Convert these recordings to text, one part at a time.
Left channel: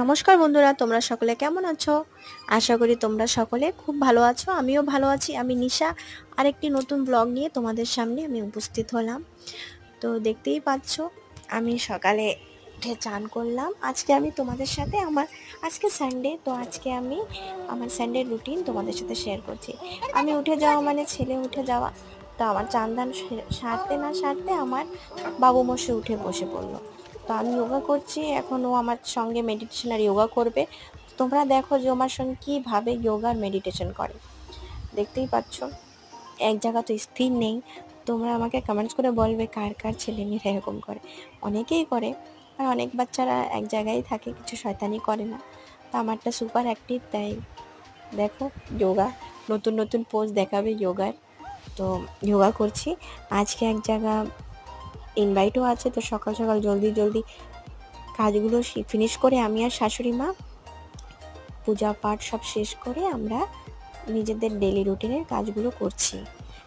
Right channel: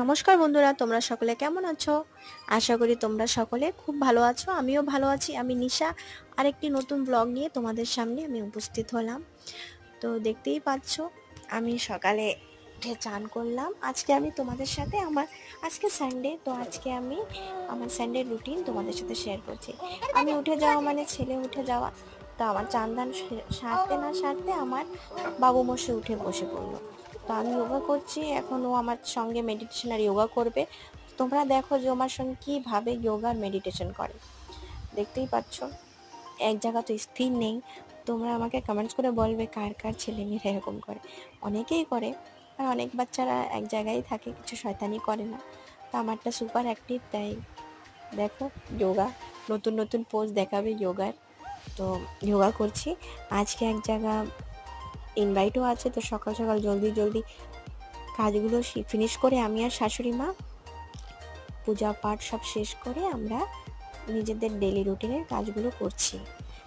নমস্কার বন্ধুরা, তোমরা সকলে কেমন আছো? আশা করি তোমরা সকলে খুব ভালো আছো। আমিও ভালো আছি। আমি নিশা আরেকটি নতুন ব্লগ নিয়ে তোমাদের সামনে আমি উপস্থিত হলাম। তো দেখতেই পাচ্ছ আমি সকালে উঠে চান করলাম। আজকে আমি তোমাদের সাথে আজকে সানডে, তো আজকে আমি আমার সানডে রুটিন তোমাদের সাথে শেয়ার করছি। আমি উঠে যাওয়া মানে ছেলে উঠে যাওয়া, তো আমার চান দান সারতে না সারতে আমার বাবু মশাই উঠে বসে পড়লো। তো আমি যোগা করছি, এখন ও আমার সঙ্গে মেডিটেশন আর যোগা করবে। তোমরা দেখো যে আমার সঙ্গে কীভাবে যোগা আর মেডিটেশন করে। দেখতেই পাচ্ছ এক জায়গা তো স্থির নেই। তোমরা আমাকে কমেন্টস করে বলবে কার কার ছেলেমেয়েরা এরকম করে। অনেকেই করে, আর অনেক বাচ্চারা এক জায়গায় থাকে, কিছু শয়তানি করে না। তো আমারটা সুপার অ্যাক্টিভ, তাই দেখো যোগা, নতুন নতুন পোজ দেখাবে যোগার। তো যোগা করছি। আজকে এক জায়গা ইনভাইটও আছে, তো সকাল সকাল জলদি কাজগুলো ফিনিশ করে আমি আর শাশুড়ি মা পূজা পাঠ সব শেষ করে আমরা নিজেদের ডেলি রুটিনের কাজগুলো করছি।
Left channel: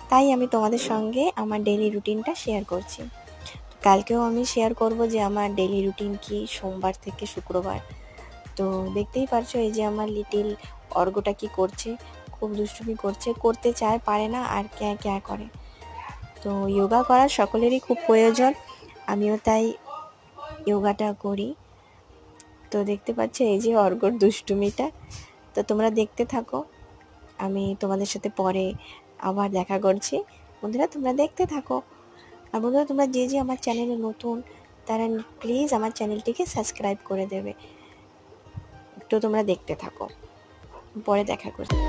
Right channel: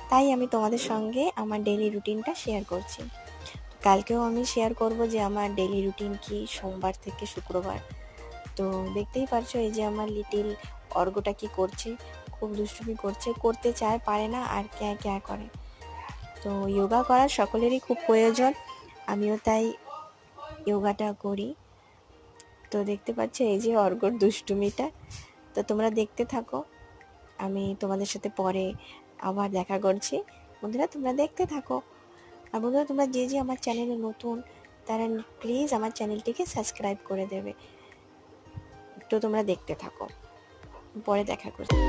তাই আমি তোমাদের সঙ্গে আমার ডেলি রুটিনটা শেয়ার করছি। কালকেও আমি শেয়ার করব যে আমার ডেলি রুটিন কি সোমবার থেকে শুক্রবার। তো দেখতেই পারছো এই যে আমার লিটিল অর্ঘটা কি করছে, খুব দুষ্টুমি করছে, করতে চায় পারে না, আর ক্যা ক্যা করে। তো যোগা করা সকলেরই খুব প্রয়োজন, আমিও তাই যোগাটা করি। তো দেখতে পাচ্ছ এই যে অর্ঘর দুষ্টুমিটা। তো তোমরা দেখতে থাকো, আমি তোমাদের সাথে পরে আবার দেখা করছি। বন্ধুরা তোমরা দেখতে থাকো। আর বন্ধুরা তোমরা যে যে আমার চ্যানেলে নতুন, তারা প্লিজ আমার চ্যানেলটিকে সাবস্ক্রাইব করে দেবে। তো তোমরা দেখতে থাকো, পরে দেখা করছি।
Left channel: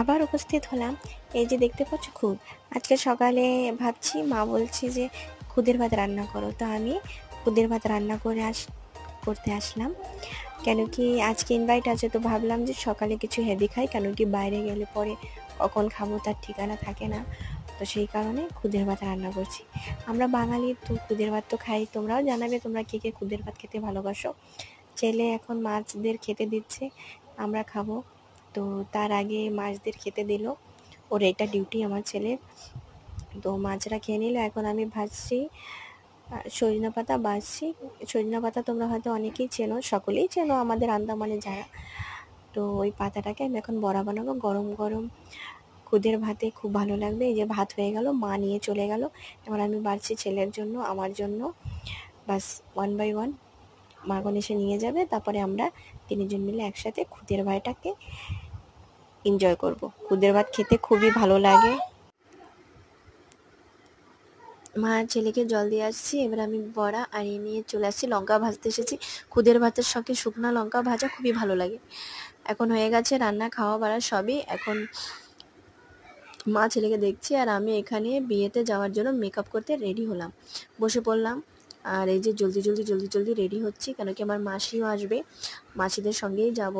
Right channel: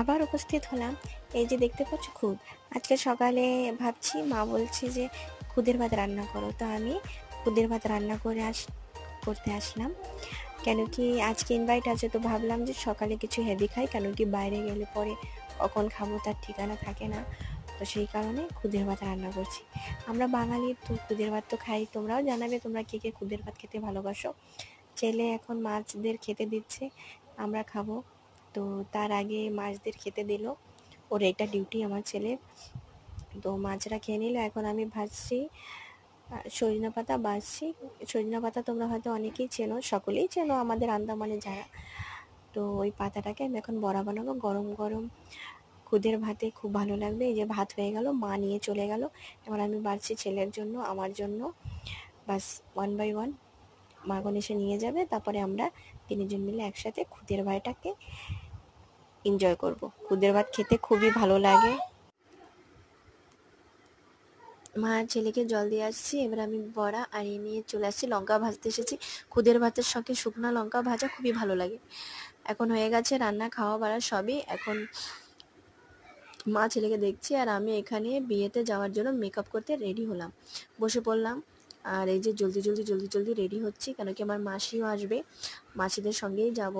আবার উপস্থিত হলাম। এই যে দেখতে পাচ্ছ খুদ, আজকে সকালে ভাবছি, মা বলছি যে খুদের ভাত রান্না করো, তো আমি খুদের ভাত রান্না করতে আসলাম। কেন কি আজকে ইনভাইট আছে, তো ভাবলাম যে সকালে কিছু হেভি খাই, কেন কি বাইরে গেলে পরে কখন খাবো তার ঠিকানা থাকে না। তো সেই কারণে খুদের ভাত রান্না করছি। আমরা বাঙালি, তো খুদের ভাত তো খাই। তোমরাও জানাবে তোমরা কে কে খুদের ভাত খেতে ভালোবাসো। ছেলে এখন মাছদের খেতে দিচ্ছে, আমরা খাবো। তো তার আগে মাছদের খেতে দিল, ওর এটা ডিউটি আমার ছেলে। তো মাছরা খেয়ে নিল, এখন আমি ভাজছি সজনা পাতা বাজছি। সজনা পাতা তোমরা হয়তো অনেকেই চেনো, সকলেই চেনো আমাদের আন্দামানে যারা। তো ওই পাতাটাকে আমি এখন বড়া বানাবো, গরম গরম খুদের ভাতে খুব ভালো লাগবে। এই যে ভাত হয়ে গেল, মা নিয়ে চলে গেল, এখন আমি বাড়ছি ছেলের জন্য, আমার জন্য। বাস 1 by 1 মাখন এসে নিয়ে যাবে, তারপরে আমরা তিনজন মিলে একসাথে খুদের ভাতটাকে এনজয় করব। খুদের ভাত খেতে খুবই ভালো লাগে। মা ছেলেকে জল দিয়ে আসছি, এবার আমি বড়া আর এই নিয়ে চলে আসছি, লঙ্কা ভাজতে এসেছি। খুদের ভাতের সঙ্গে শুকনো লঙ্কা ভাজা খুবই ভালো লাগে। এখন হয়ে গেছে রান্না, খাওয়া বাড়া সবই। এখন মা ছেলেকে দেখছি, আর আমি এখানে বিয়েতে যাওয়ার জন্য মেকআপ করতে রেডি হলাম, বসে পড়লাম। আর এই যে জলদি রেডি হচ্ছি, কেন কি আমার মাসিও আসবে, মাসিদের সঙ্গেই যাব।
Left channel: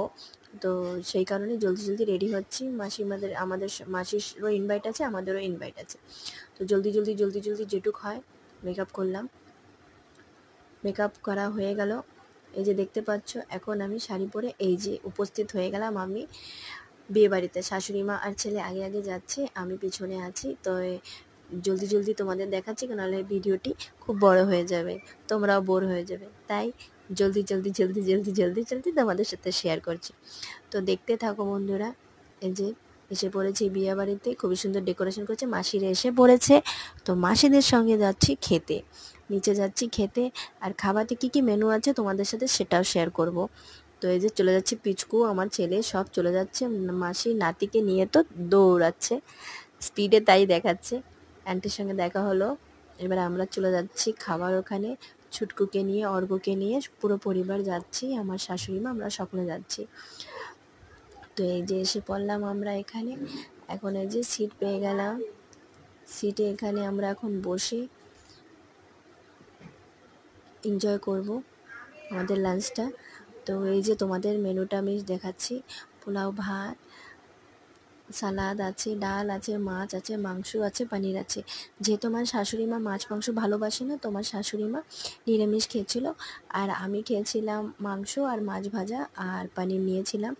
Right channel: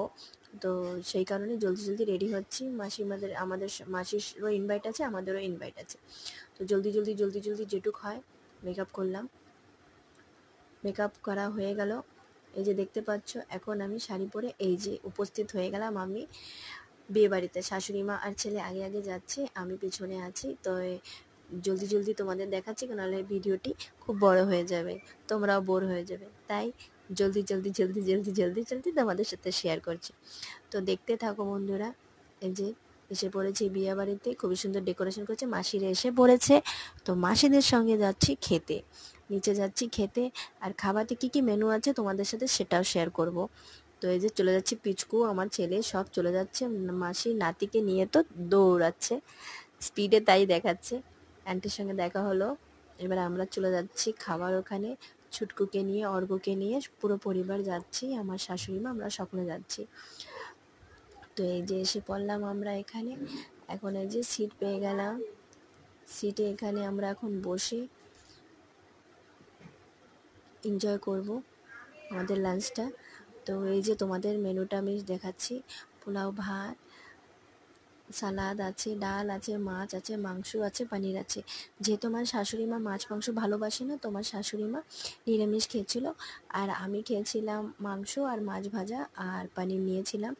তো সেই কারণে জলদি রেডি হচ্ছি। আমাদের মাসিরও ইনভাইট আছে, আমাদেরও ইনভাইট আছে। তো জলদি যেটুক হয় মেকআপ করলাম। মেকআপ করা হয়ে গেল, এই যে দেখতে পাচ্ছ এখন আমি শাড়ি পরে এই যে উপস্থিত হয়ে গেলাম আমি বিয়ে বাড়িতে। শাশুড়ি মা আর ছেলে আগে আগে যাচ্ছে, আমি পিছনে আছি। তো জলদি তোমাদের দেখাচ্ছি, নাহলে ভিডিওটি খুব বড় হয়ে যাবে, তোমরাও বোর হয়ে যাবে। তাই জলদি তোমাদের সাথে শেয়ার করছি। তো দেখতে থাকো বন্ধুরা। এই যে এসে পড়েছি বিয়ে বাড়িতে, খুবই সুন্দর ডেকোরেশন করেছে, মাসিরা এসে পড়েছে। তো মাসিদের সঙ্গে যাচ্ছি খেতে, নিচে যাচ্ছি খেতে। আর খাবারতে কী কী মেনু আছে তোমাদের সাথে সেটাও শেয়ার করব। তো এই যে চলে যাচ্ছি, পিচকু আমার ছেলে সব চলে যাচ্ছে, মাসি নাতিকে নিয়ে তো দৌড়াচ্ছে স্পিডে, তাই দেখাচ্ছে। আন্টির সঙ্গে দেখা হলো, এবার আমরা চলে যাচ্ছি খাবার ওখানে। ছুটকুকে নিয়ে, অর্ঘ্যকে নিয়ে পুরো পরিবার যাচ্ছি, আমার শাশুড়ি মা, আমরা সকলে যাচ্ছি। তো এই যে এসে পড়লাম আমরা এখানে। এখন এই যে সিট পেয়ে গেলাম, সিটে এখানে আমরা এখন বসে এনজয় করব আমাদের লাঞ্চটা। তো এই যে তোমাদের মেনুটা আমি দেখাচ্ছি, পোলাও, ভাত, সালাদ আছে, ডাল আছে, মাছ আছে, মাংস আছে, পনির আছে। যেহেতু আমার শাশুড়ি মা মাছ মাংস ভালোবাসে না, তোমার শাশুড়ি মা নিরামিষ খেয়েছিল, আর আমি খেয়েছিলাম মাংস আর মাছ ভাজা আর পনির নিয়েছিলাম।